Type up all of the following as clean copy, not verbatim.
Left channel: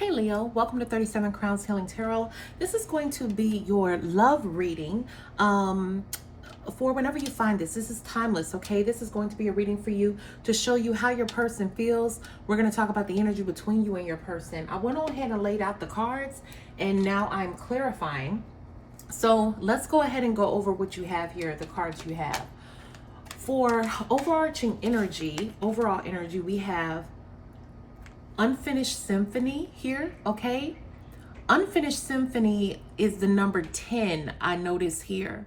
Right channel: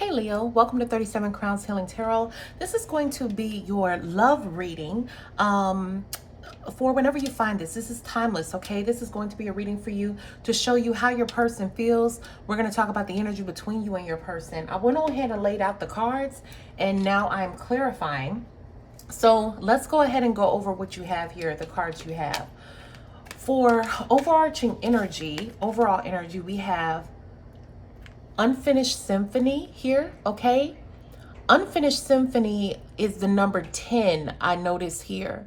Hey Leo, welcome to 37 Crowns Healing Tarot. This is going to be your love reading for whenever you find this. This is timeless, okay? This is going to be a reading for you to show you how your person feels. We're going to talk about the energy between you and your person. I went on ahead and laid out the cards, and now I'm clarifying. So let's go ahead and go over what you have here, the cards you have. For overarching energy, overall energy, we have Unfinished Symphony here, okay? Unfinished Symphony is the number 10 I notice here.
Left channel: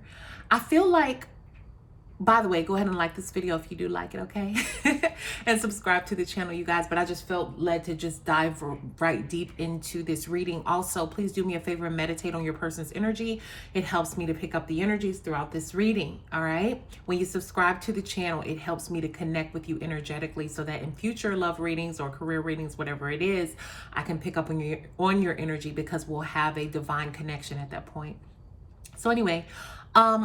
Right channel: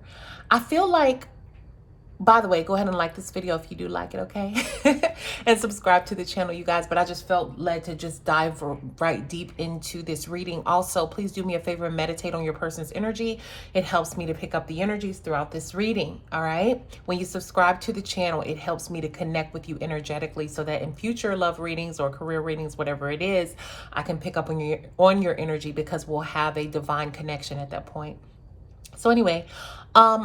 I feel like, by the way, go ahead and like this video if you do like it, okay? And subscribe to the channel, you guys. But I just felt led to just dive right deep into this reading. Also, please do me a favor and meditate on your person's energy. It helps me to pick up the energies throughout this reading, all right? When you subscribe to the channel, it helps me to connect with you energetically so that in future love readings or career readings, whatever it is, I can pick up on your energy because we'll have a divine connection at that point. So anyway,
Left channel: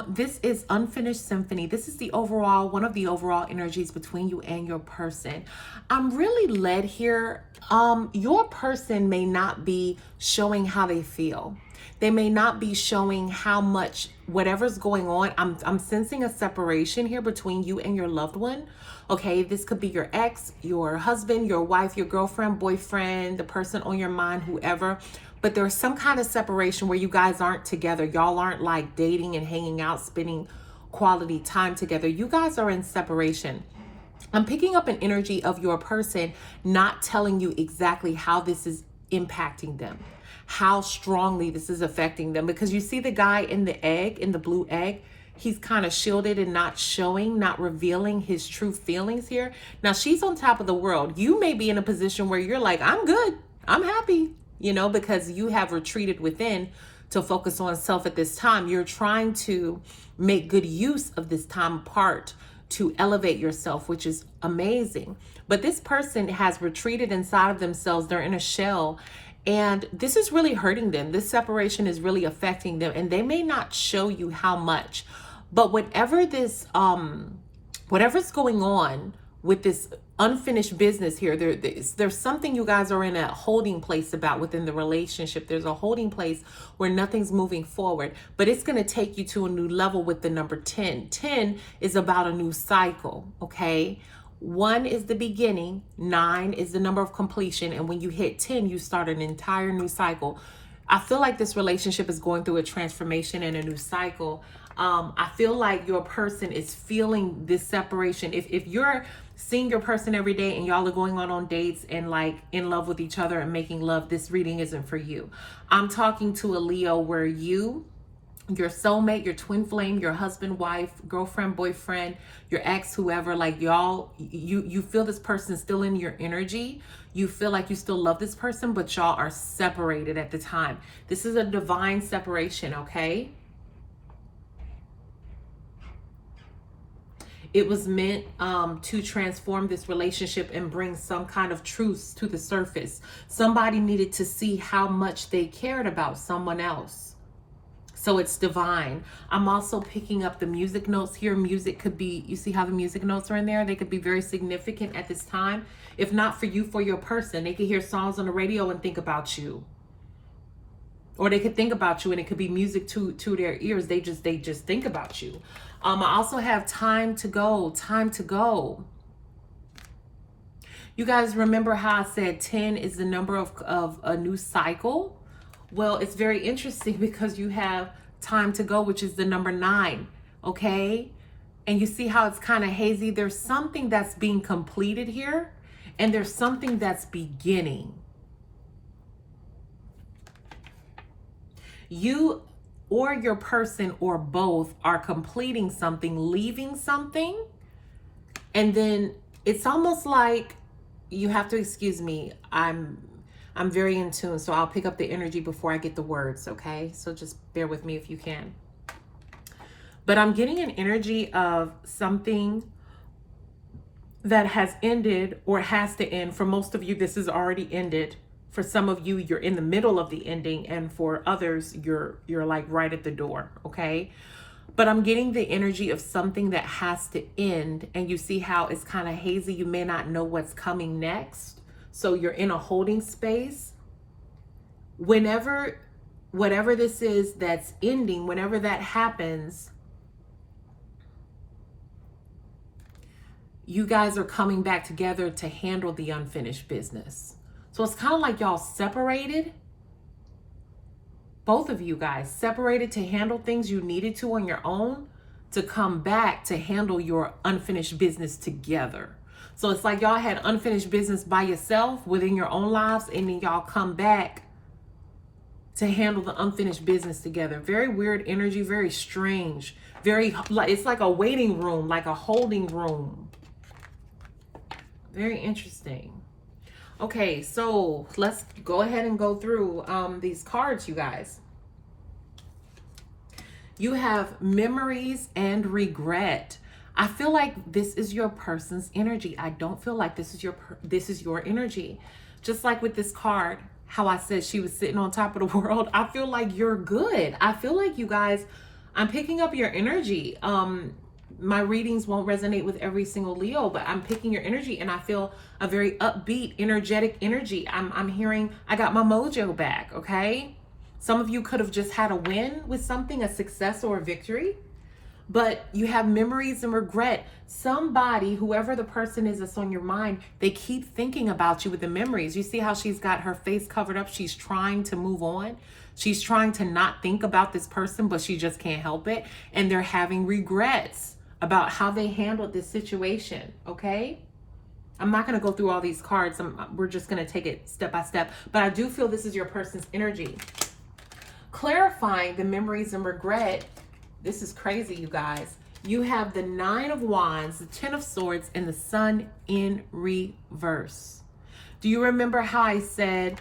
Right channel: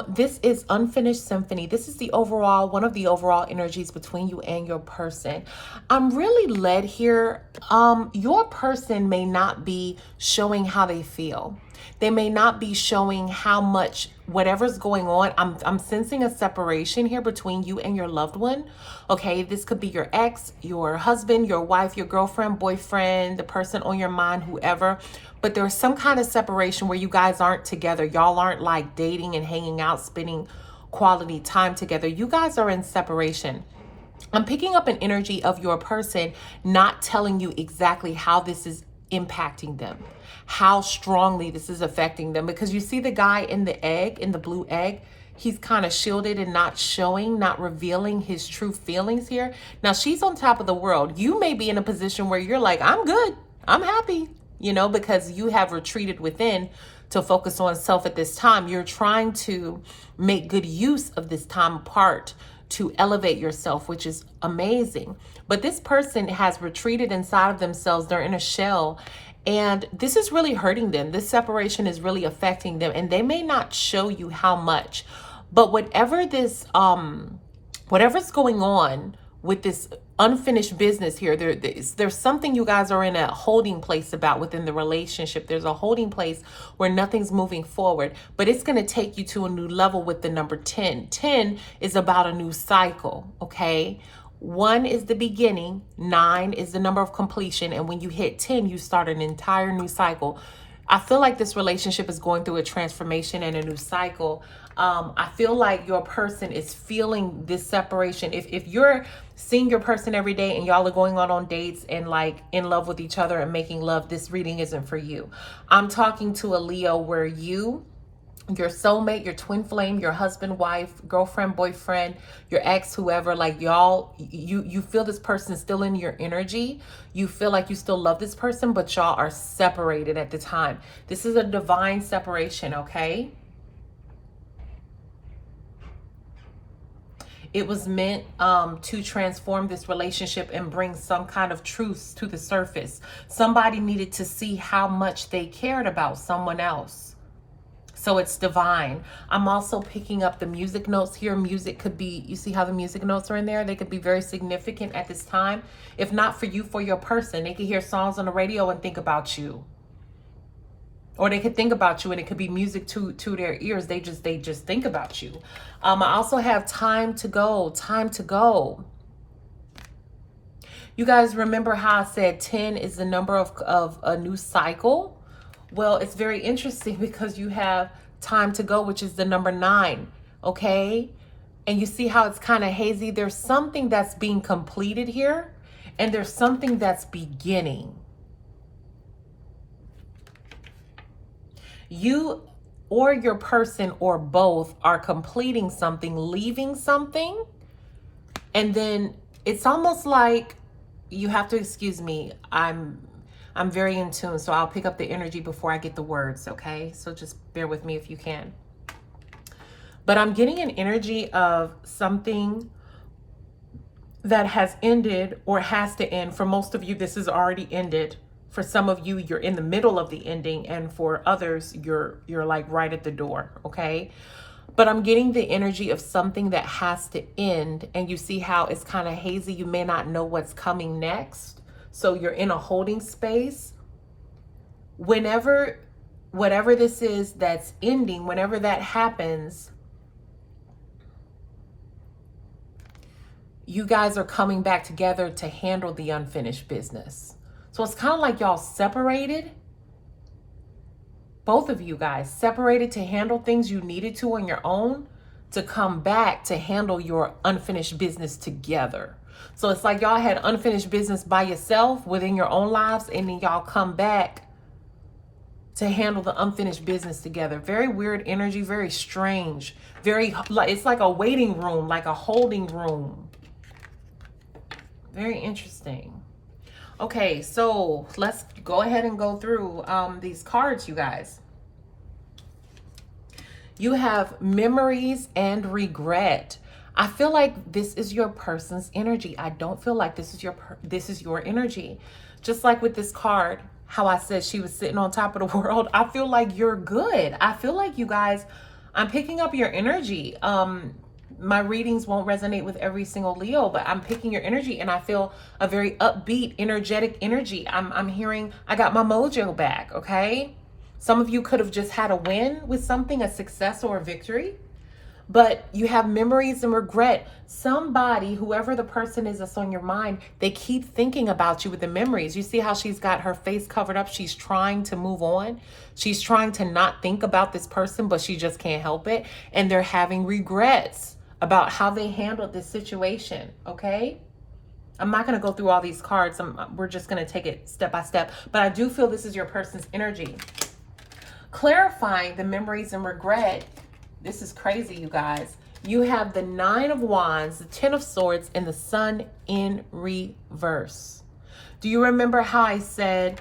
this is Unfinished Symphony. This is the overall, one of the overall energies between you and your person. I'm really led here. Your person may not be showing how they feel. They may not be showing how much whatever's going on. I'm sensing a separation here between you and your loved one. Okay, this could be your ex, your husband, your wife, your girlfriend, boyfriend, the person on your mind, whoever. But there's some kind of separation where you guys aren't together. Y'all aren't like dating and hanging out, spending quality time together. You guys are in separation. I'm picking up an energy of your person not telling you exactly how this is impacting them, how strongly this is affecting them. Because you see the guy in the egg, in the blue egg, he's kind of shielded and not showing, not revealing his true feelings here. Now, she's on top of the world. You may be in a position where you're like, I'm good, I'm happy, you know, because you have retreated within to focus on self at this time. You're trying to make good use of this time apart to elevate yourself, which is amazing. But this person has retreated inside of themselves. They're in a shell. And this is really hurting them. This separation is really affecting them. And they may not show you how much. But whatever this, whatever's going on with this unfinished business here, there's something you guys are in a holding place about within the relationship. There's a holding place where nothing's moving forward, but it's going to take you to a new level with the number 10. 10 is about a new cycle, okay? 1 is the beginning, 9 is the number of completion, and when you hit 10, you start an entire new cycle. I feel like this relationship is going through a transformation and a new cycle. I feel like your person is feeling this separation. If you're seeing your person every day and y'all are going on dates and like in love with each other and making love, this reading isn't for you. I'm talking to a Leo where you, your soulmate, your twin flame, your husband, wife, girlfriend, boyfriend, your ex, whoever, like y'all, you feel this person is still in your energy. You feel like you still love this person, but y'all are separated at the time. This is a divine separation, okay? It was meant to transform this relationship and bring some kind of truth to the surface. Somebody needed to see how much they cared about someone else. So it's divine. I'm also picking up the music notes here. Music could be, you see how the music notes are in there? They could be very significant at this time. If not for you, for your person. They could hear songs on the radio and think about you. Or they could think about you and it could be music to their ears. They just think about you. I also have time to go, time to go. You guys remember how I said 10 is the number of a new cycle? Well, it's very interesting because you have time to go, which is the number 9, okay? And you see how it's kind of hazy. There's something that's being completed here and there's something that's beginning. You or your person or both are completing something, leaving something, and then it's almost like you have to excuse me. I'm very in tune, so I'll pick up the energy before I get the words, okay? So just bear with me if you can. But I'm getting an energy of something that has ended or has to end. For most of you, this has already ended. For some of you, you're in the middle of the ending, and for others, you're like right at the door, okay? But I'm getting the energy of something that has to end, and you see how it's kind of hazy. You may not know what's coming next. So you're in a holding space. whenever, whatever this is that's ending, whenever that happens, you guys are coming back together to handle the unfinished business. So it's kind of like y'all separated. Both of you guys separated to handle things you needed to on your own, to come back to handle your unfinished business together. So it's like y'all had unfinished business by yourself within your own lives, and then y'all come back to handle the unfinished business together. Very weird energy, very strange. Very, like, it's like a waiting room, like a holding room. Very interesting. Okay, so let's go ahead and go through these cards, you guys. You have memories and regret. I feel like this is your person's energy. I don't feel like this is your energy. Just like with this card, how I said she was sitting on top of the world. I feel like you're good. I feel like you guys, I'm picking up your energy. My readings won't resonate with every single Leo, but I'm picking your energy, and I feel a very upbeat, energetic energy. I'm hearing I got my mojo back, okay? Some of you could have just had a win with something, a success or a victory, but you have memories and regret. Somebody, whoever the person is that's on your mind, they keep thinking about you with the memories. You see how she's got her face covered up? She's trying to move on. She's trying to not think about this person, but she just can't help it. And they're having regrets about how they handled this situation, okay? I'm not going to go through all these cards. We're just going to take it step by step. But I do feel this is your person's energy. Clarifying the memories and regret. This is crazy, you guys. You have the 9 of Wands, the 10 of Swords, and the Sun in reverse. Do you remember how I said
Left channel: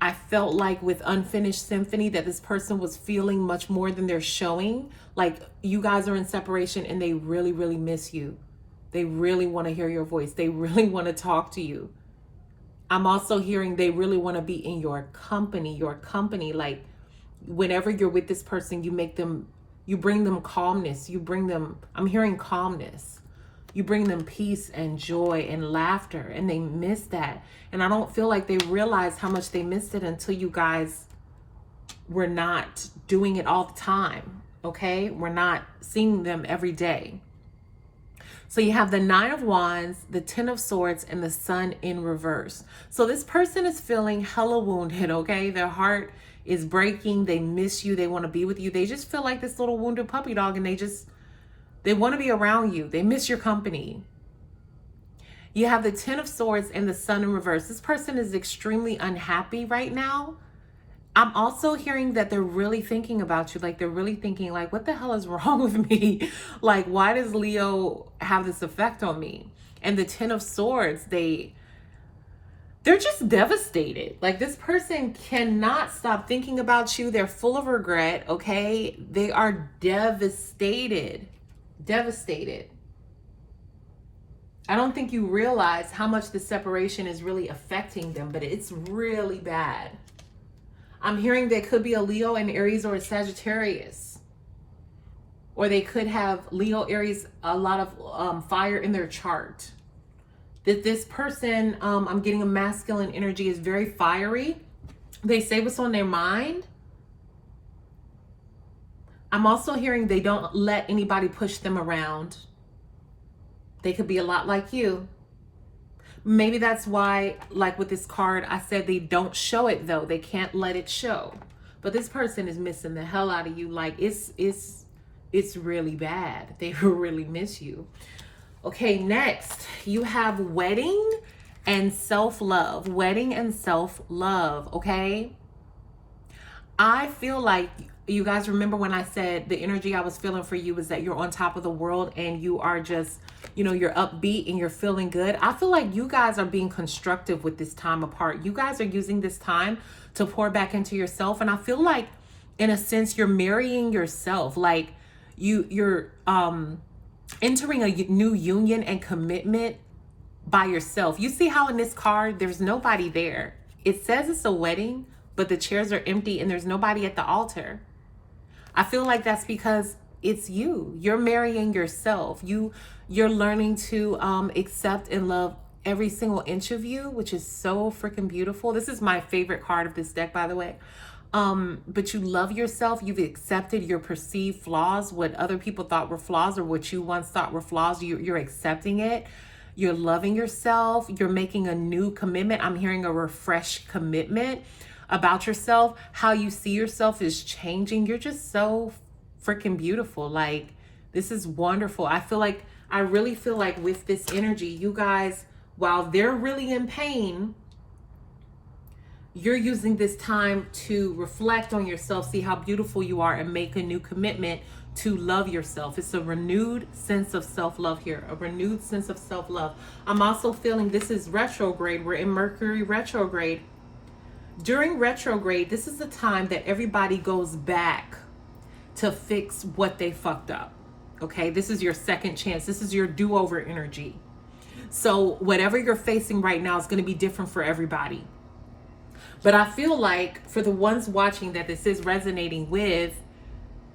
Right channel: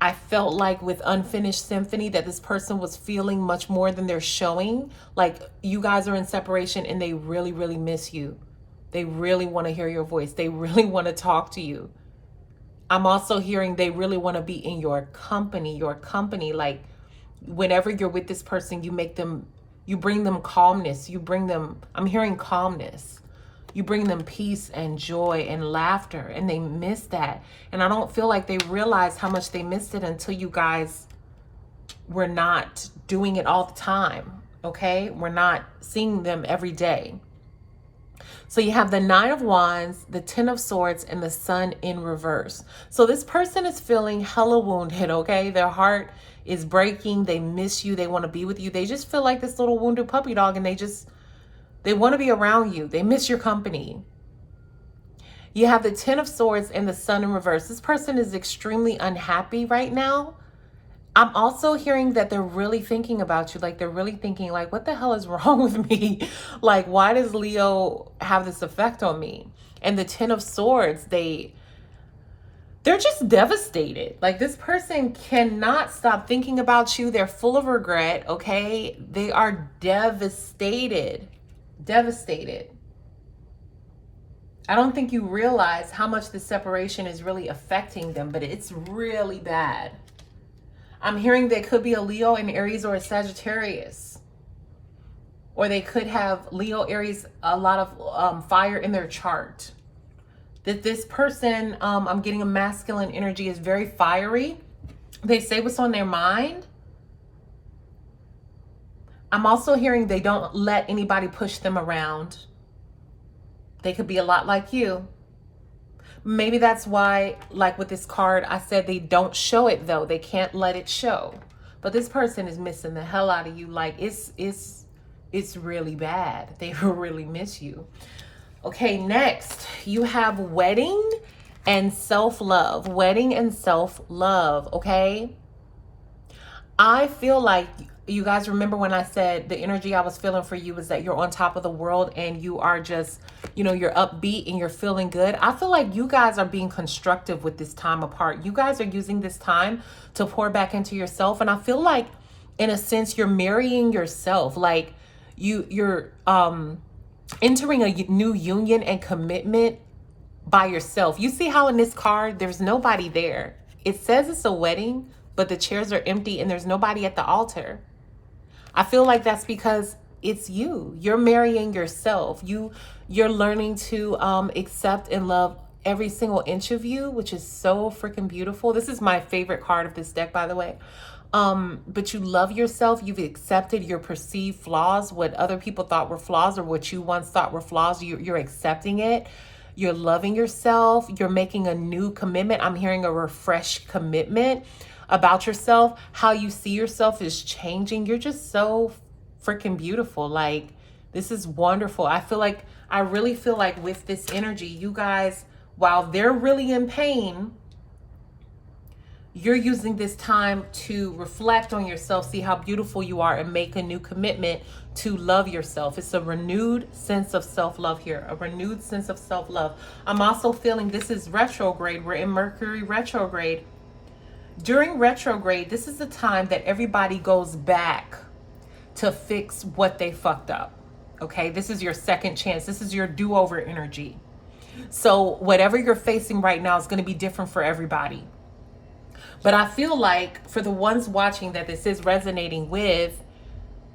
I felt like with Unfinished Symphony that this person was feeling much more than they're showing? Like, you guys are in separation and they really, really miss you. They really want to hear your voice. They really want to talk to you. I'm also hearing they really want to be in your company. Like, whenever you're with this person, you bring them calmness. I'm hearing calmness. You bring them peace and joy and laughter, and they miss that. And I don't feel like they realize how much they missed it until you guys were not doing it all the time, okay? We're not seeing them every day. So you have the 9 of Wands, the 10 of Swords, and the Sun in reverse. So this person is feeling hella wounded, okay? Their heart is breaking. They miss you. They want to be with you. They just feel like this little wounded puppy dog, and they want to be around you. They miss your company. You have the 10 of Swords and the Sun in reverse. This person is extremely unhappy right now. I'm also hearing that they're really thinking about you. Like, they're really thinking, like, what the hell is wrong with me? Like, why does Leo have this effect on me? And the 10 of Swords, they're just devastated. Like, this person cannot stop thinking about you. They're full of regret, okay? They are devastated. Devastated. I don't think you realize how much the separation is really affecting them, but it's really bad. I'm hearing they could be a Leo, an Aries, or a Sagittarius. Or they could have Leo, Aries, a lot of fire in their chart. That this person, I'm getting a masculine energy, is very fiery. They say what's on their mind. I'm also hearing they don't let anybody push them around. They could be a lot like you. Maybe that's why, like with this card, I said they don't show it though. They can't let it show. But this person is missing the hell out of you. Like, it's really bad. They really miss you. Okay, next you have wedding and self-love. Wedding and self-love, okay? I feel like you guys remember when I said the energy I was feeling for you is that you're on top of the world and you are just, you're upbeat and you're feeling good. I feel like you guys are being constructive with this time apart. You guys are using this time to pour back into yourself. And I feel like, in a sense, you're marrying yourself. Like, you're entering a new union and commitment by yourself. You see how in this card, there's nobody there. It says it's a wedding, but the chairs are empty and there's nobody at the altar. I feel like that's because it's you. You're marrying yourself. You're learning to accept and love every single inch of you, which is so freaking beautiful. This is my favorite card of this deck, by the way. But you love yourself. You've accepted your perceived flaws, what other people thought were flaws or what you once thought were flaws. You're accepting it. You're loving yourself. You're making a new commitment. I'm hearing a refreshed commitment about yourself. How you see yourself is changing. You're just so freaking beautiful. Like, this is wonderful. I really feel like with this energy, you guys, while they're really in pain, you're using this time to reflect on yourself, see how beautiful you are, and make a new commitment to love yourself. It's a renewed sense of self-love here, a renewed sense of self-love. I'm also feeling this is retrograde. We're in Mercury retrograde. During retrograde, this is the time that everybody goes back to fix what they fucked up. Okay, this is your second chance. This is your do-over energy. So whatever you're facing right now is going to be different for everybody. But I feel like for the ones watching that this is resonating with,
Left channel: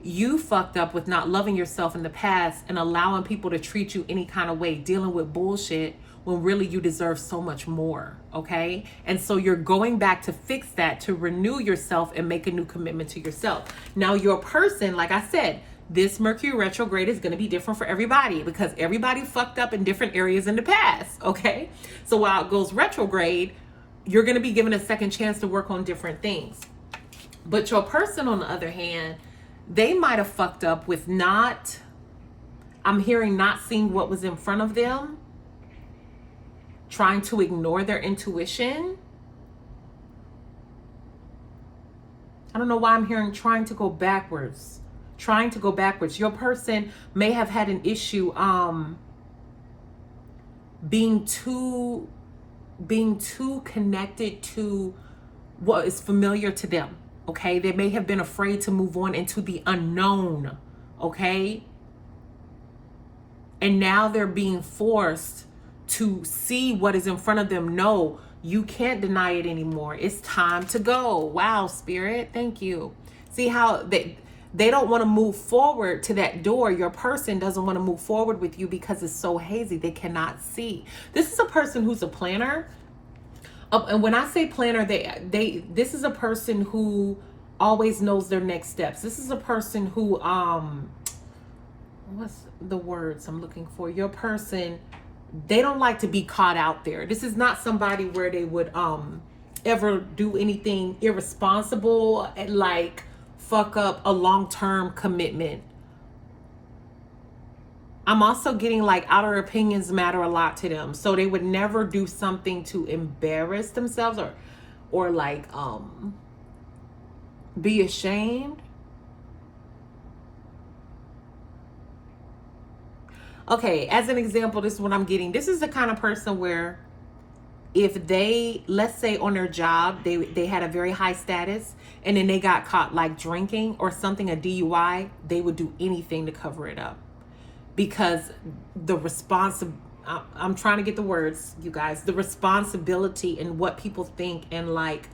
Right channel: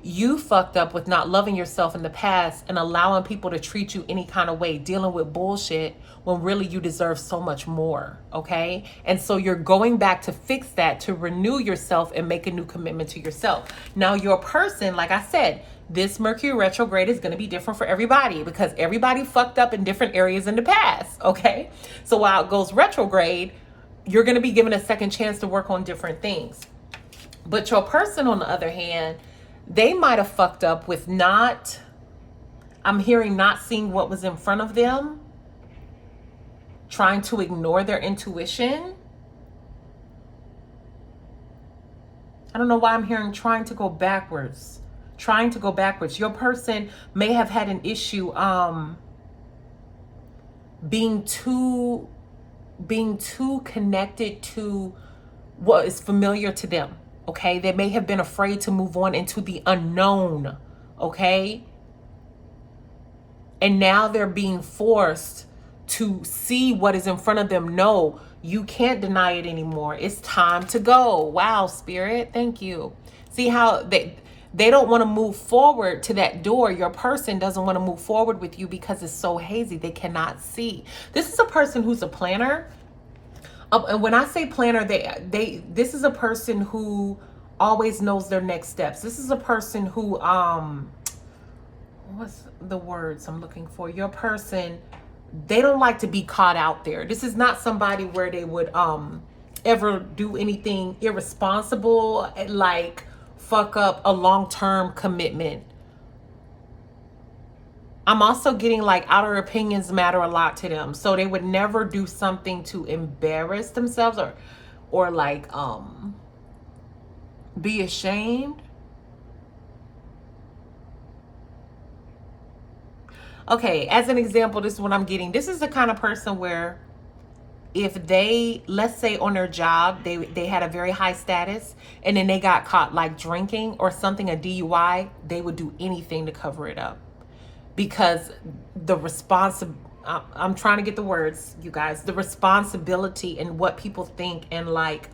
you fucked up with not loving yourself in the past and allowing people to treat you any kind of way, dealing with bullshit when really you deserve so much more, okay? And so you're going back to fix that, to renew yourself and make a new commitment to yourself. Now your person, like I said, this Mercury retrograde is going to be different for everybody because everybody fucked up in different areas in the past, okay? So while it goes retrograde, you're going to be given a second chance to work on different things. But your person, on the other hand, they might have fucked up with I'm hearing not seeing what was in front of them, trying to ignore their intuition. I don't know why I'm hearing trying to go backwards. Your person may have had an issue being too connected to what is familiar to them, okay? They may have been afraid to move on into the unknown, okay? And now they're being forced to see what is in front of them. No, you can't deny it anymore. It's time to go. Wow, Spirit, thank you. See how they don't want to move forward to that door. Your person doesn't want to move forward with you because it's so hazy. They cannot see. This is a person who's a planner. And when I say planner, this is a person who always knows their next steps. This is a person who, what's the words I'm looking for? Your person, they don't like to be caught out there. This is not somebody where they would ever do anything irresponsible, like fuck up a long-term commitment. I'm also getting like outer opinions matter a lot to them. So they would never do something to embarrass themselves or like be ashamed. Okay, as an example, this is what I'm getting. This is the kind of person where if they, let's say on their job, they had a very high status and then they got caught like drinking or something, a DUI, they would do anything to cover it up. Because I'm trying to get the words, you guys, the responsibility and what people think and like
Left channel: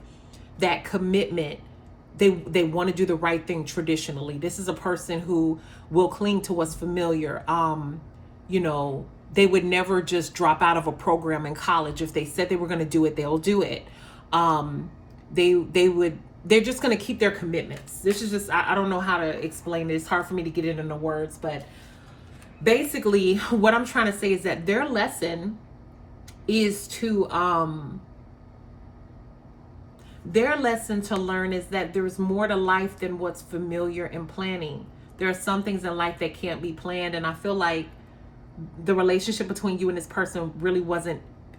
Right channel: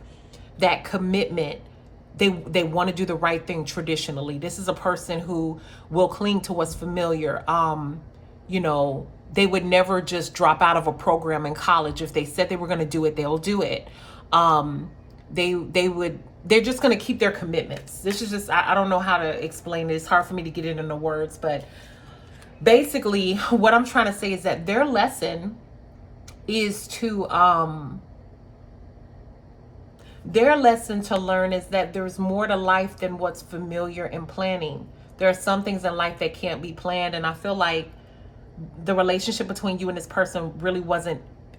that commitment, they want to do the right thing traditionally. This is a person who will cling to what's familiar. You know, they would never just drop out of a program in college. If they said they were going to do it, they'll do it. They're just going to keep their commitments. This is just, I don't know how to explain it. It's hard for me to get it into words, but basically what I'm trying to say is that their lesson is to, their lesson to learn is that there's more to life than what's familiar and planning. There are some things in life that can't be planned. And I feel like the relationship between you and this person really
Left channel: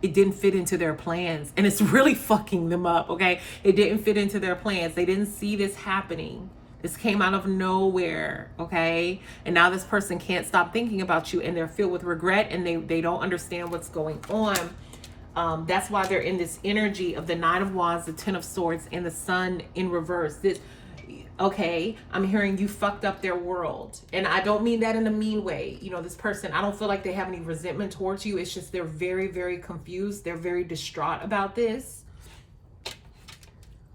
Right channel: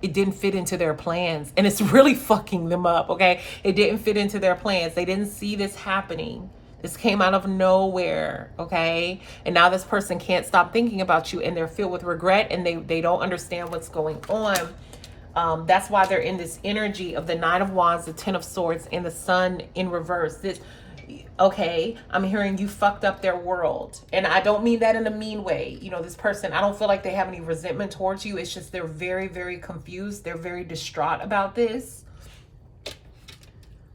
it didn't fit into their plans, and it's really fucking them up, okay? It didn't fit into their plans. They didn't see this happening. This came out of nowhere, okay? And now this person can't stop thinking about you, and they're filled with regret, and they don't understand what's going on. That's why they're in this energy of the Nine of Wands, the Ten of Swords, and the Sun in reverse. Okay, I'm hearing you fucked up their world. And I don't mean that in a mean way. You know, this person, I don't feel like they have any resentment towards you. It's just they're very, very confused. They're very distraught about this.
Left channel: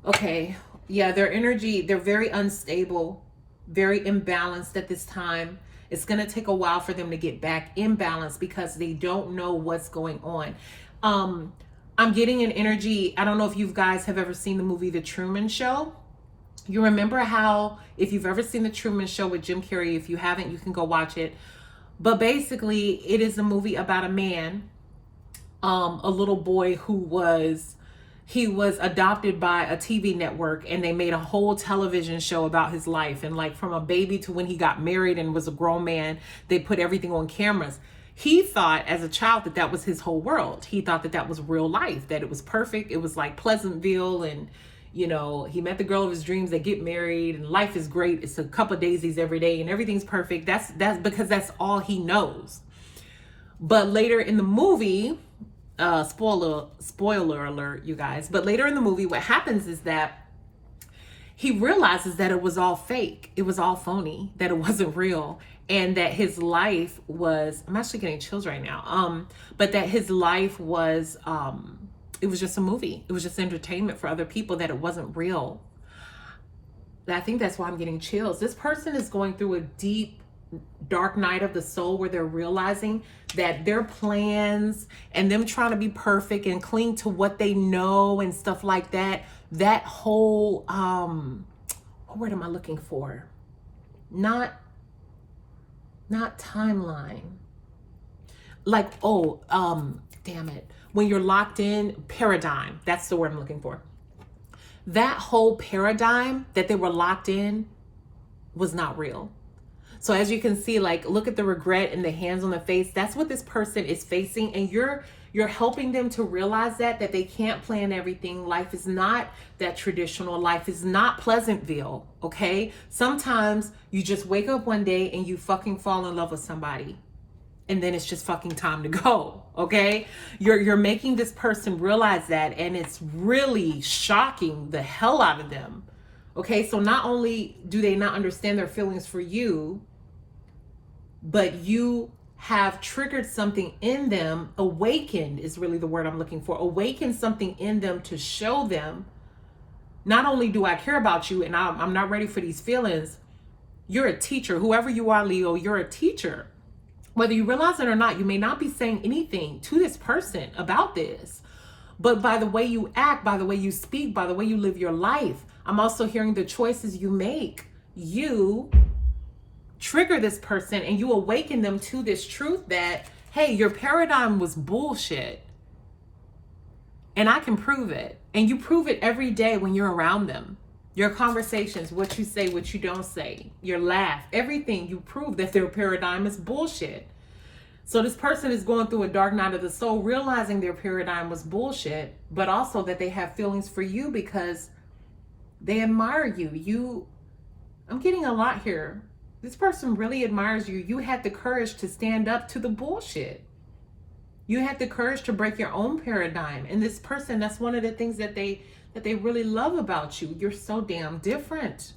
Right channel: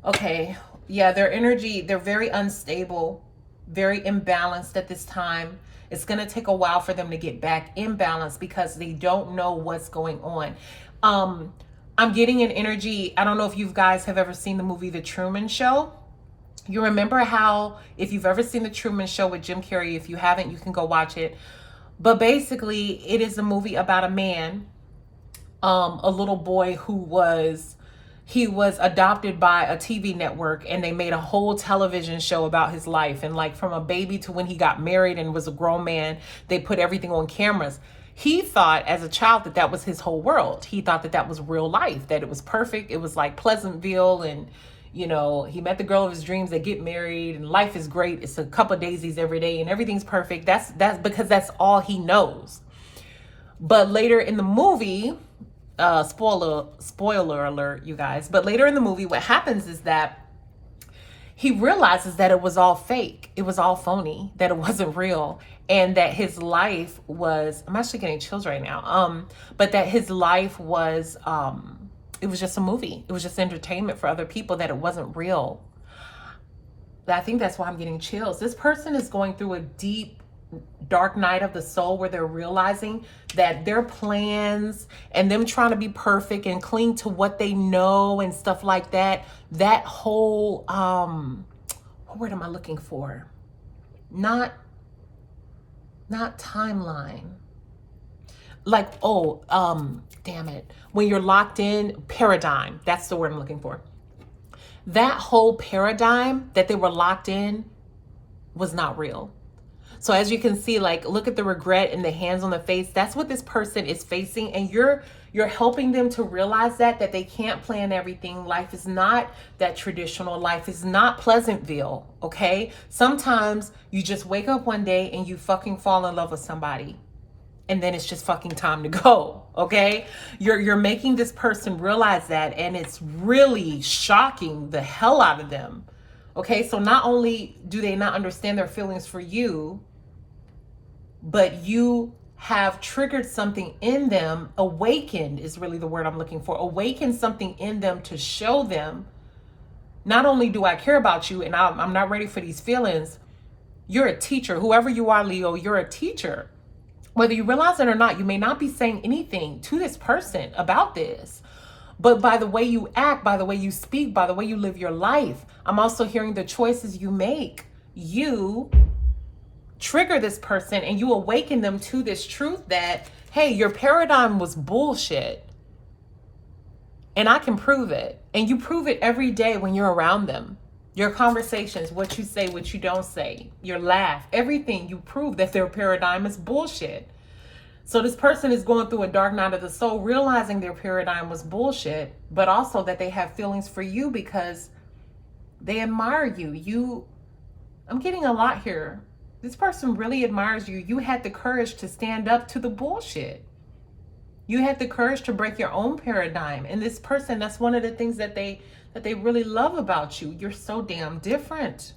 Okay, yeah, their energy, they're very unstable, very imbalanced at this time. It's going to take a while for them to get back in balance because they don't know what's going on. I'm getting an energy. I don't know if you guys have ever seen the movie The Truman Show. You remember how, if you've ever seen The Truman Show with Jim Carrey, if you haven't, you can go watch it. But basically, it is a movie about a man, a little boy he was adopted by a TV network, and they made a whole television show about his life. And like from a baby to when he got married and was a grown man, they put everything on cameras. He thought as a child that that was his whole world. He thought that that was real life, that it was perfect. It was like Pleasantville, and you know, he met the girl of his dreams, they get married, and life is great. It's a cup of daisies every day and everything's perfect. That's because that's all he knows. But later in the movie, spoiler alert, you guys, but later in the movie, what happens is that he realizes that it was all fake. It was all phony, that it wasn't real. And that his life was, I'm actually getting chills right now. But that his life was, it was just a movie. It was just entertainment for other people, that it wasn't real. I think that's why I'm getting chills. This person is going through a deep, dark night of the soul, where they're realizing that their plans and them trying to be perfect and cling to what they know and stuff like that, that whole, what word am I looking for? Not timeline. Like, damn it. When you're locked in, paradigm. That's the word I'm looking for. That whole paradigm that they were locked in was not real. So as you can see, like, look at the regret and the hands on the face. That's what this person is facing. And you're helping them to realize that they can't plan everything. Life is not that traditional. Life is not Pleasantville, okay? Sometimes you just wake up one day and you fucking fall in love with somebody. And then it's just fucking time to go, okay? You're making this person realize that, and it's really shocking the hell out of them. Okay, so not only do they not understand their feelings for you, but you have triggered something in them. Awakened is really the word I'm looking for. Awakened something in them to show them, not only do I care about you and I'm not ready for these feelings, you're a teacher. Whoever you are, Leo, you're a teacher. Whether you realize it or not, you may not be saying anything to this person about this, but by the way you act, by the way you speak, by the way you live your life, I'm also hearing the choices you make. You trigger this person and you awaken them to this truth that, hey, your paradigm was bullshit. And I can prove it. And you prove it every day when you're around them. Your conversations, what you say, what you don't say, your laugh, everything, you prove that their paradigm is bullshit. So this person is going through a dark night of the soul, realizing their paradigm was bullshit, but also that they have feelings for you because they admire you. I'm getting a lot here. This person really admires you. You had the courage to stand up to the bullshit. You had the courage to break your own paradigm. And this person, that's one of the things that they really love about you. You're so damn different.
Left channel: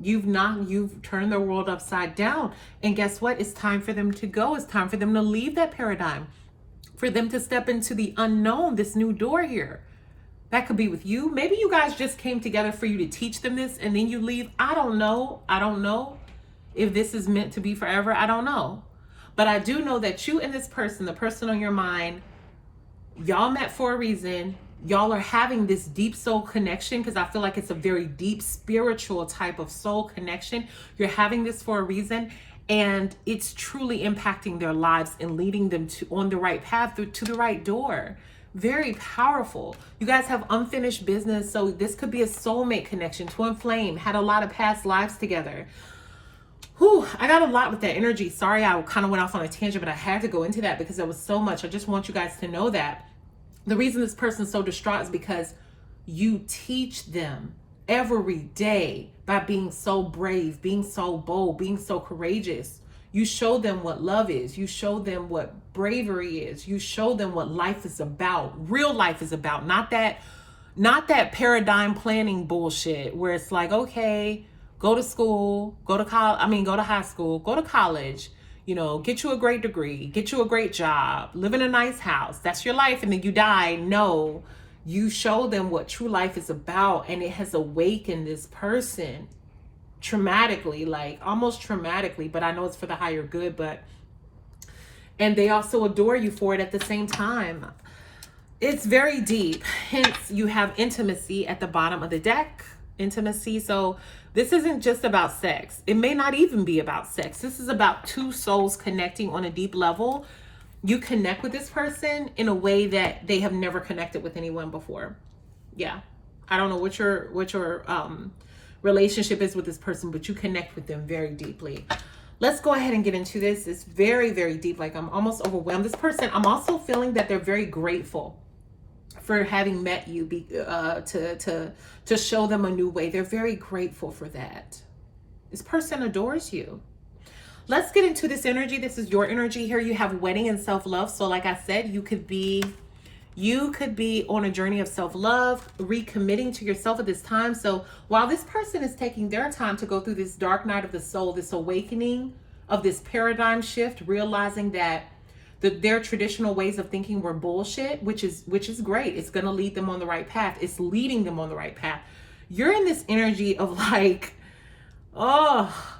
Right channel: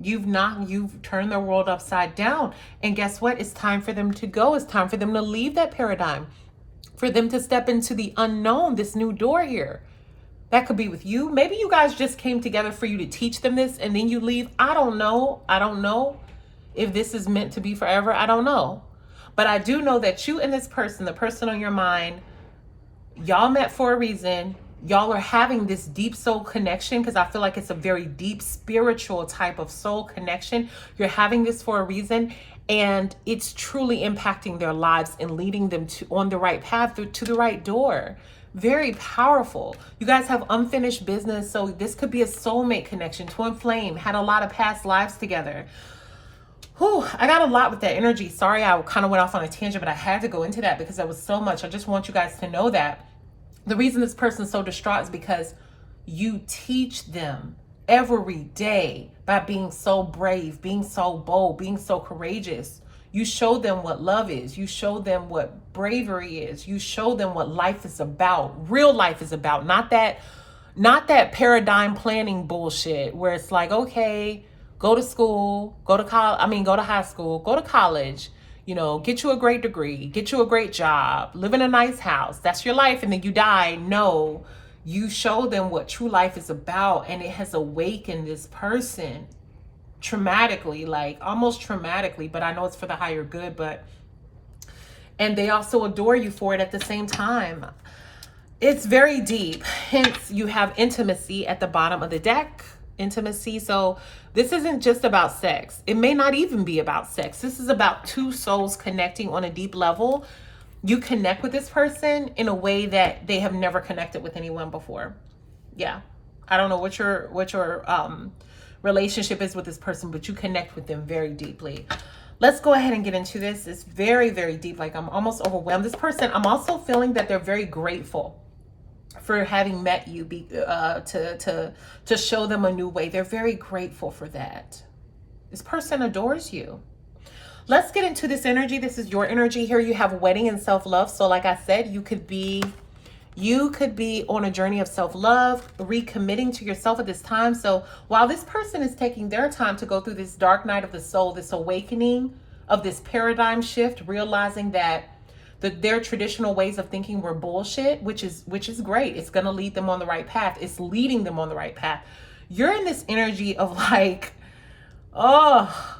You've turned their world upside down. And guess what? It's time for them to go. It's time for them to leave that paradigm. For them to step into the unknown, this new door here. That could be with you. Maybe you guys just came together for you to teach them this and then you leave. I don't know. I don't know if this is meant to be forever. I don't know. But I do know that you and this person, the person on your mind, y'all met for a reason. Y'all are having this deep soul connection, because I feel like it's a very deep spiritual type of soul connection. You're having this for a reason, and it's truly impacting their lives and leading them on the right path, to the right door. Very powerful. You guys have unfinished business, so this could be a soulmate connection, twin flame, had a lot of past lives together. Whew, I got a lot with that energy. Sorry, I kind of went off on a tangent, but I had to go into that because there was so much. I just want you guys to know that the reason this person's so distraught is because you teach them every day by being so brave, being so bold, being so courageous. You show them what love is. You show them what bravery is. You show them what life is about. Real life is about. Not that paradigm planning bullshit where it's like, okay, go to school, go to high school, go to college, get you a great degree, get you a great job, live in a nice house. That's your life. And then you die. No, you show them what true life is about. And it has awakened this person traumatically, like almost traumatically, but I know it's for the higher good. But and they also adore you for it at the same time. It's very deep. Hence, you have intimacy at the bottom of the deck. Intimacy. So this isn't just about sex. It may not even be about sex. This is about two souls connecting on a deep level. You connect with this person in a way that they have never connected with anyone before. Yeah. I don't know what your relationship is with this person, but you connect with them very deeply. Let's go ahead and get into this. It's very, very deep. Like, I'm almost overwhelmed. This person, I'm also feeling that they're very grateful for having met you, to show them a new way. They're very grateful for that. This person adores you. Let's get into this energy. This is your energy here. You have wedding and self-love. So like I said, you could be on a journey of self-love, recommitting to yourself at this time. So while this person is taking their time to go through this dark night of the soul, this awakening of this paradigm shift, realizing that their traditional ways of thinking were bullshit, which is great. It's going to lead them on the right path. It's leading them on the right path. You're in this energy of like, oh,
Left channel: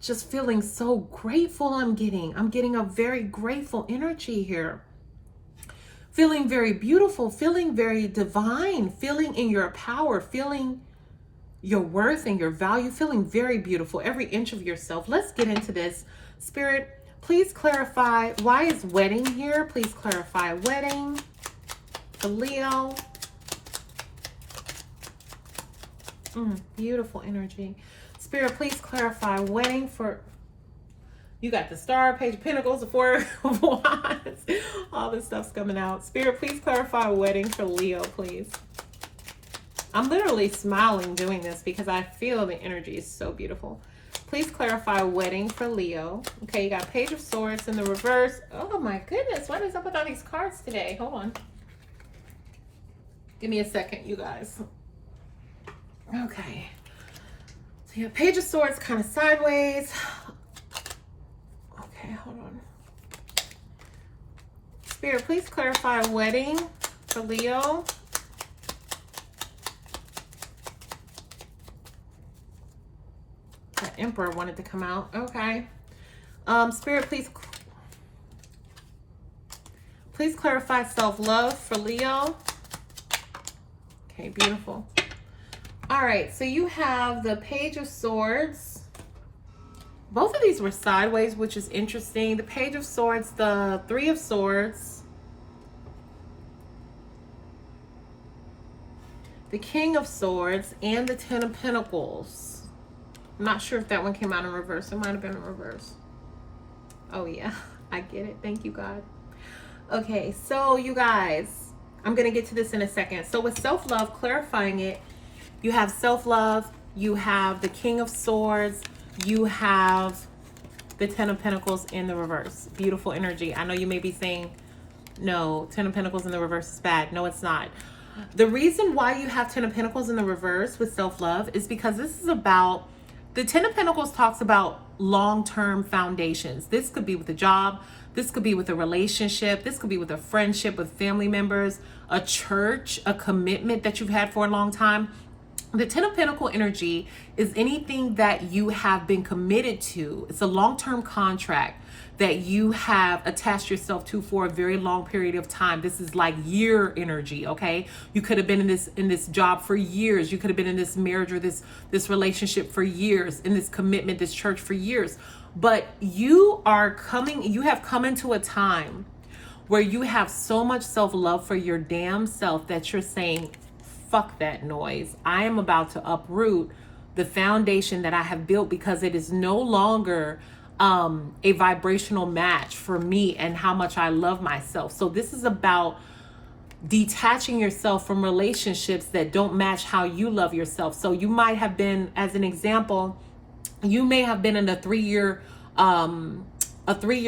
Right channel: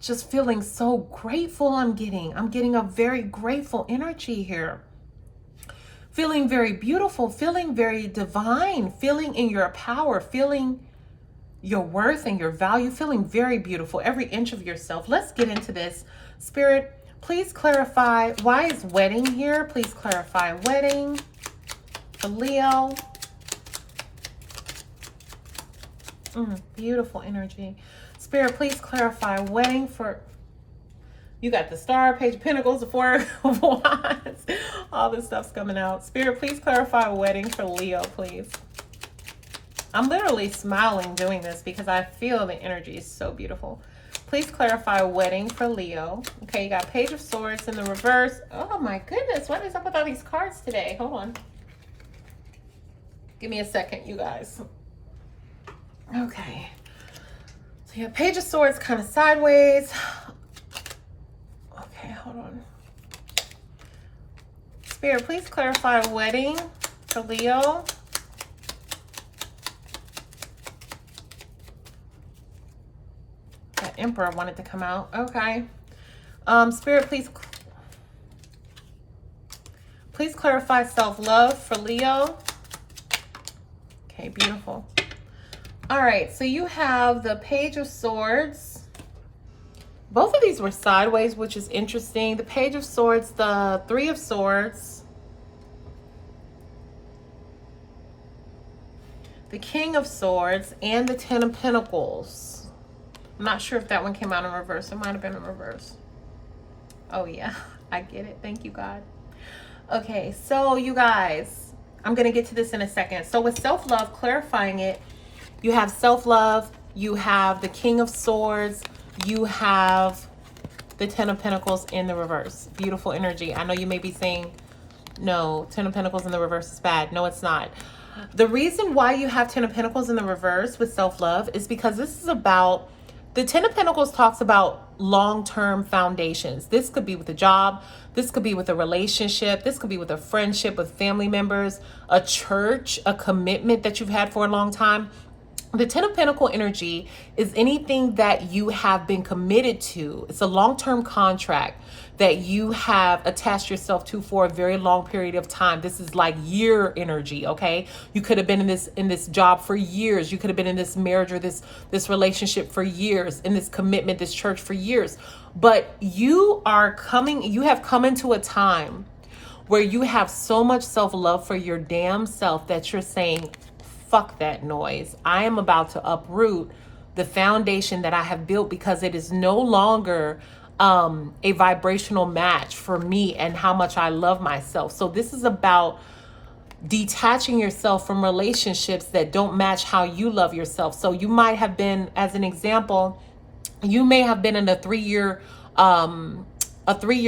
just feeling so grateful. I'm getting a very grateful energy here. Feeling very beautiful, feeling very divine, feeling in your power, feeling your worth and your value, feeling very beautiful, every inch of yourself. Let's get into this. Spirit, please clarify, why is wedding here? Please clarify wedding for Leo. Beautiful energy. Spirit, please clarify wedding for, you got the Star, Page of Pentacles, the Four of Wands. All this stuff's coming out. Spirit, please clarify wedding for Leo, please. I'm literally smiling doing this because I feel the energy is so beautiful. Please clarify wedding for Leo. Okay, you got Page of Swords in the reverse. Oh my goodness, what is up with all these cards today? Hold on. Give me a second, you guys. Okay. So you have Page of Swords kind of sideways. Okay, hold on. Spirit, please clarify wedding for Leo. That Emperor wanted to come out. Okay. Spirit, please clarify self-love for Leo. Okay, beautiful. All right, so you have the Page of Swords. Both of these were sideways, which is interesting. The Page of Swords, the Three of Swords, the King of Swords, and the Ten of Pentacles. I'm not sure if that one came out in reverse. It might have been in reverse. Oh yeah, I get it. Thank you, God. Okay, so you guys, I'm going to get to this in a second. So with self-love, clarifying it, you have self-love, you have the King of Swords, you have the Ten of Pentacles in the reverse. Beautiful energy. I know you may be saying, no, Ten of Pentacles in the reverse is bad. No, it's not. The reason why you have Ten of Pentacles in the reverse with self-love is because this is about, the Ten of Pentacles talks about long-term foundations. This could be with a job. This could be with a relationship. This could be with a friendship with family members, a church, a commitment that you've had for a long time. The Ten of Pentacles energy is anything that you have been committed to. It's a long-term contract that you have attached yourself to for a very long period of time. This is like year energy, okay? You could have been in this job for years. You could have been in this marriage or this relationship for years, in this commitment, this church for years. But you have come into a time where you have so much self-love for your damn self that you're saying, fuck that noise. I am about to uproot the foundation that I have built because it is no longer a vibrational match for me and how much I love myself. So this is about detaching yourself from relationships that don't match how you love yourself. So you might have been, as an example, you may have been in a three-year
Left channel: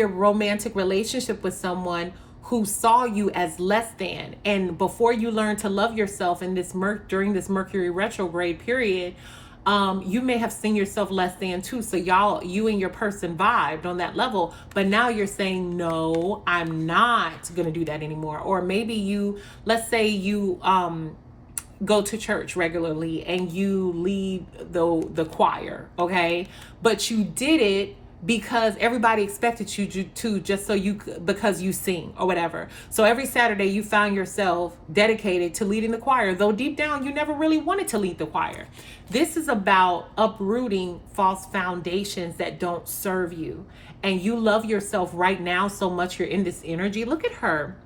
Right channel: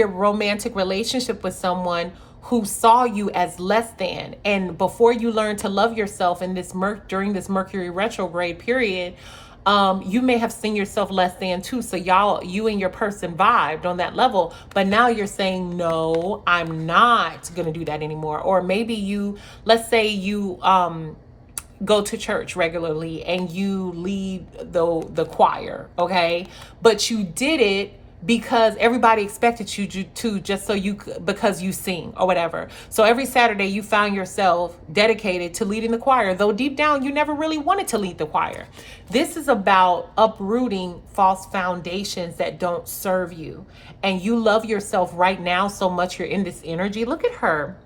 romantic relationship with someone who saw you as less than. And before you learn to love yourself in this during this Mercury retrograde period, you may have seen yourself less than too. So you and your person vibed on that level, but now you're saying, no, I'm not going to do that anymore. Or maybe let's say you go to church regularly and you lead the choir, okay? But you did it because everybody expected you to just so you because you sing or whatever. So every Saturday you found yourself dedicated to leading the choir, though deep down you never really wanted to lead the choir. This is about uprooting false foundations that don't serve you. And you love yourself right now so much. You're in this energy. Look at her.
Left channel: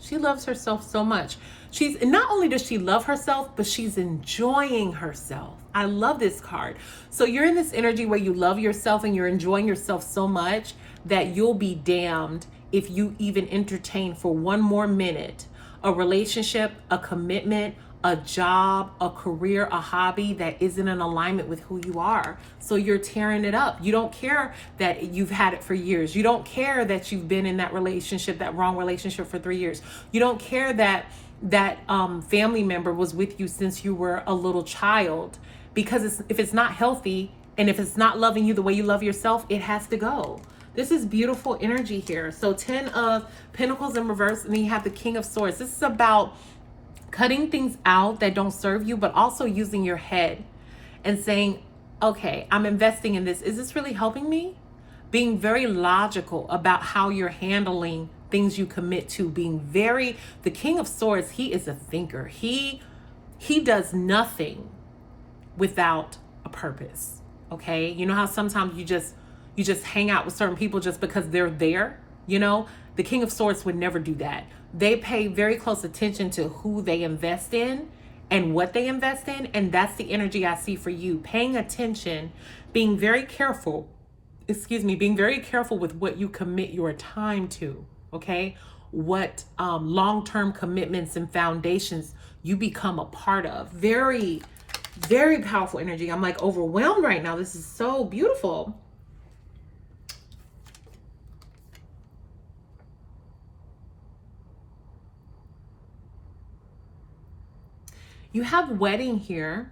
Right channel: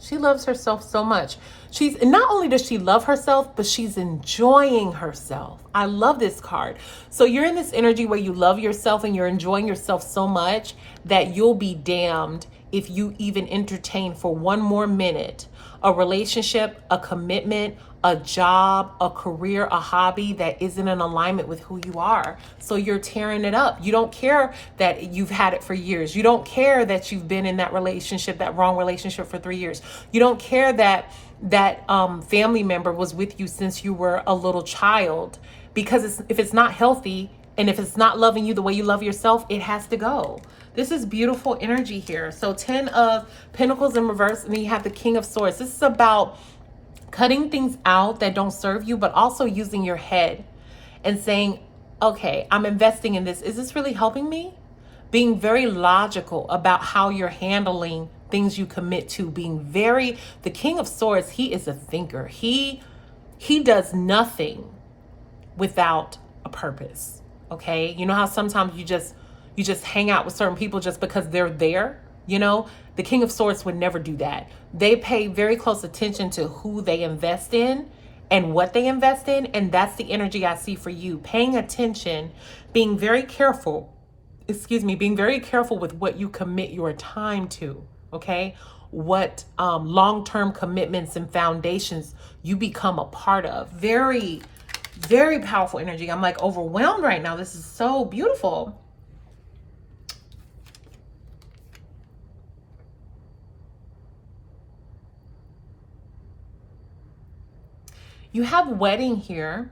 She loves herself so much. She's not only does she love herself, but she's enjoying herself. I love this card. So you're in this energy where you love yourself and you're enjoying yourself so much that you'll be damned if you even entertain for one more minute a relationship, a commitment, a job, a career, a hobby that isn't in alignment with who you are. So you're tearing it up. You don't care that you've had it for years. You don't care that you've been in that relationship, that wrong relationship for 3 years. You don't care that family member was with you since you were a little child, because if it's not healthy and if it's not loving you the way you love yourself, it has to go. This is beautiful energy here. So 10 of Pentacles in reverse, and then you have the King of Swords. This is about cutting things out that don't serve you, but also using your head and saying, okay, I'm investing in this. Is this really helping me? Being very logical about how you're handling things you commit to. The King of Swords, he is a thinker. He does nothing without a purpose. Okay? You know how sometimes you just hang out with certain people just because they're there? You know, the King of Swords would never do that. They pay very close attention to who they invest in and what they invest in. And that's the energy I see for you. Paying attention, being very careful with what you commit your time to. Okay? What long-term commitments and foundations you become a part of. Very, very powerful energy. I'm like overwhelmed right now. This is so beautiful. You have wedding here.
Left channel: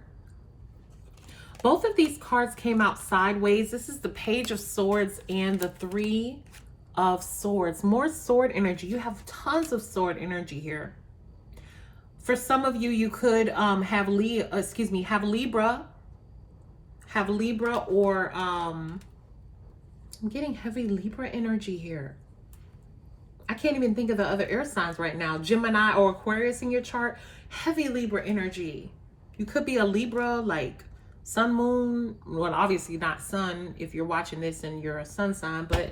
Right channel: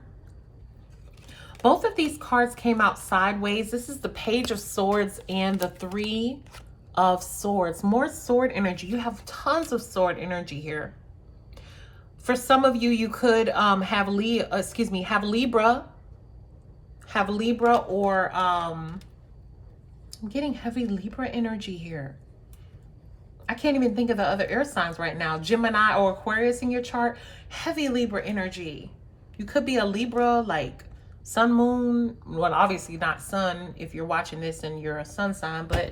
Both of these cards came out sideways. This is the Page of Swords and the Three of Swords. More sword energy. You have tons of sword energy here. For some of you, you could have Libra, or I'm getting heavy Libra energy here. I can't even think of the other air signs right now. Gemini or Aquarius in your chart. Heavy Libra energy. You could be a Libra, like sun, moon. Well, obviously not sun if you're watching this and you're a sun sign, but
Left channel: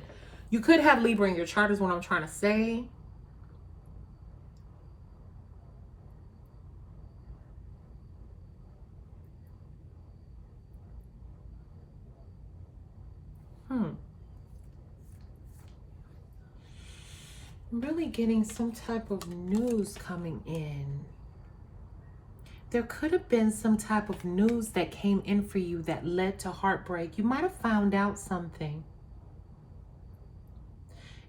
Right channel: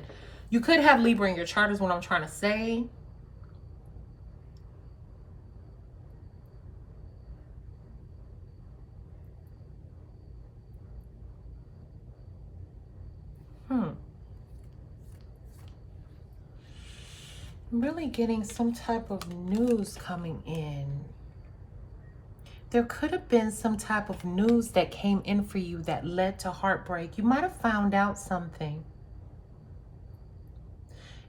you could have Libra in your chart is what I'm trying to say. I'm really getting some type of news coming in. There could have been some type of news that came in for you that led to heartbreak. You might have found out something.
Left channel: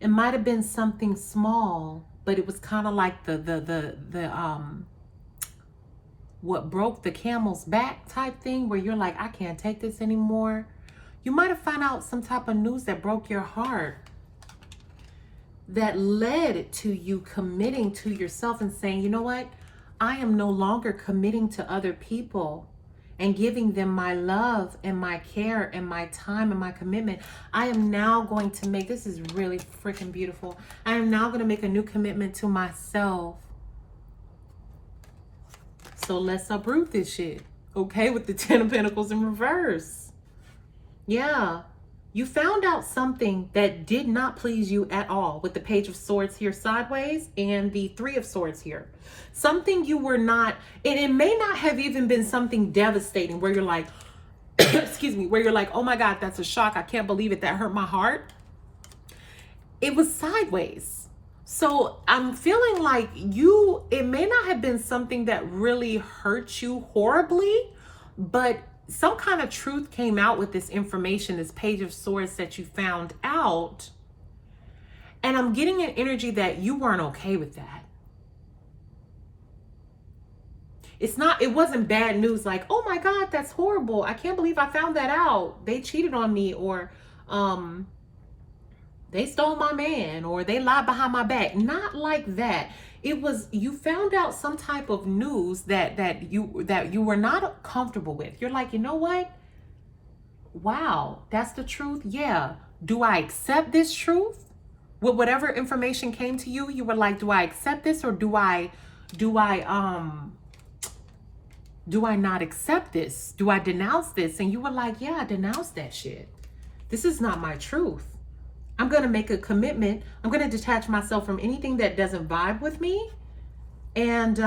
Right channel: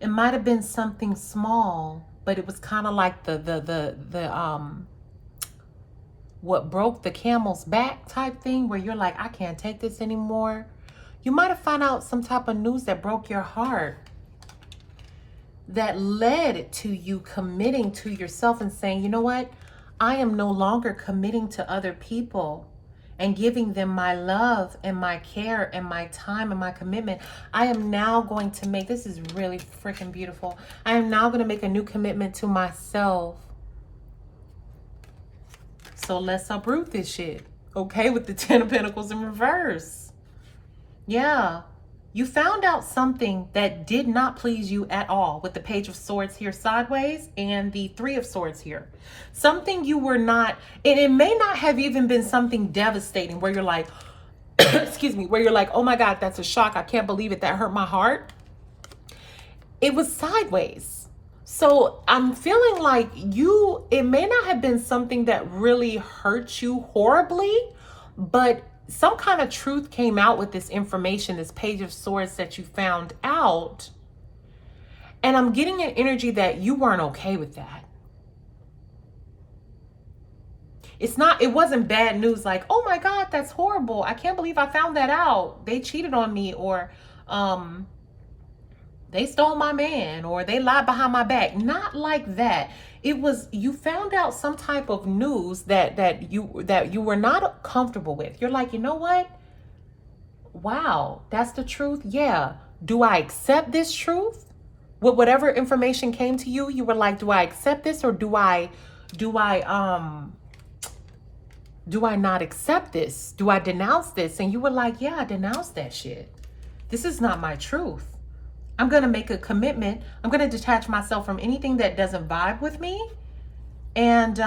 It might have been something small, but it was kind of like what broke the camel's back type thing, where you're like, I can't take this anymore. You might have found out some type of news that broke your heart, that led to you committing to yourself and saying, you know what? I am no longer committing to other people and giving them my love and my care and my time and my commitment. I am now going to make, this is really freaking beautiful. I am now going to make a new commitment to myself. So let's uproot this shit. Okay, with the 10 of Pentacles in reverse. Yeah. You found out something that did not please you at all with the Page of Swords here sideways and the Three of Swords here. Something you were not, and it may not have even been something devastating where you're like, excuse me, where you're like, oh my God, that's a shock. I can't believe it. That hurt my heart. It was sideways. So I'm feeling like it may not have been something that really hurt you horribly, but some kind of truth came out with this information, this Page of Swords that you found out. And I'm getting an energy that you weren't okay with that. It wasn't bad news like, oh my God, that's horrible. I can't believe I found that out. They cheated on me, or they stole my man, or they lied behind my back. Not like that. It was, you found out some type of news that you were not comfortable with. You're like, you know what? wow, that's the truth. Yeah. Do I accept this truth? With whatever information came to you, you were like, do I accept this, or do I not accept this? Do I denounce this? And you were like, yeah, I denounce that shit. This is not my truth. I'm going to make a commitment. I'm going to detach myself from anything that doesn't vibe with me. And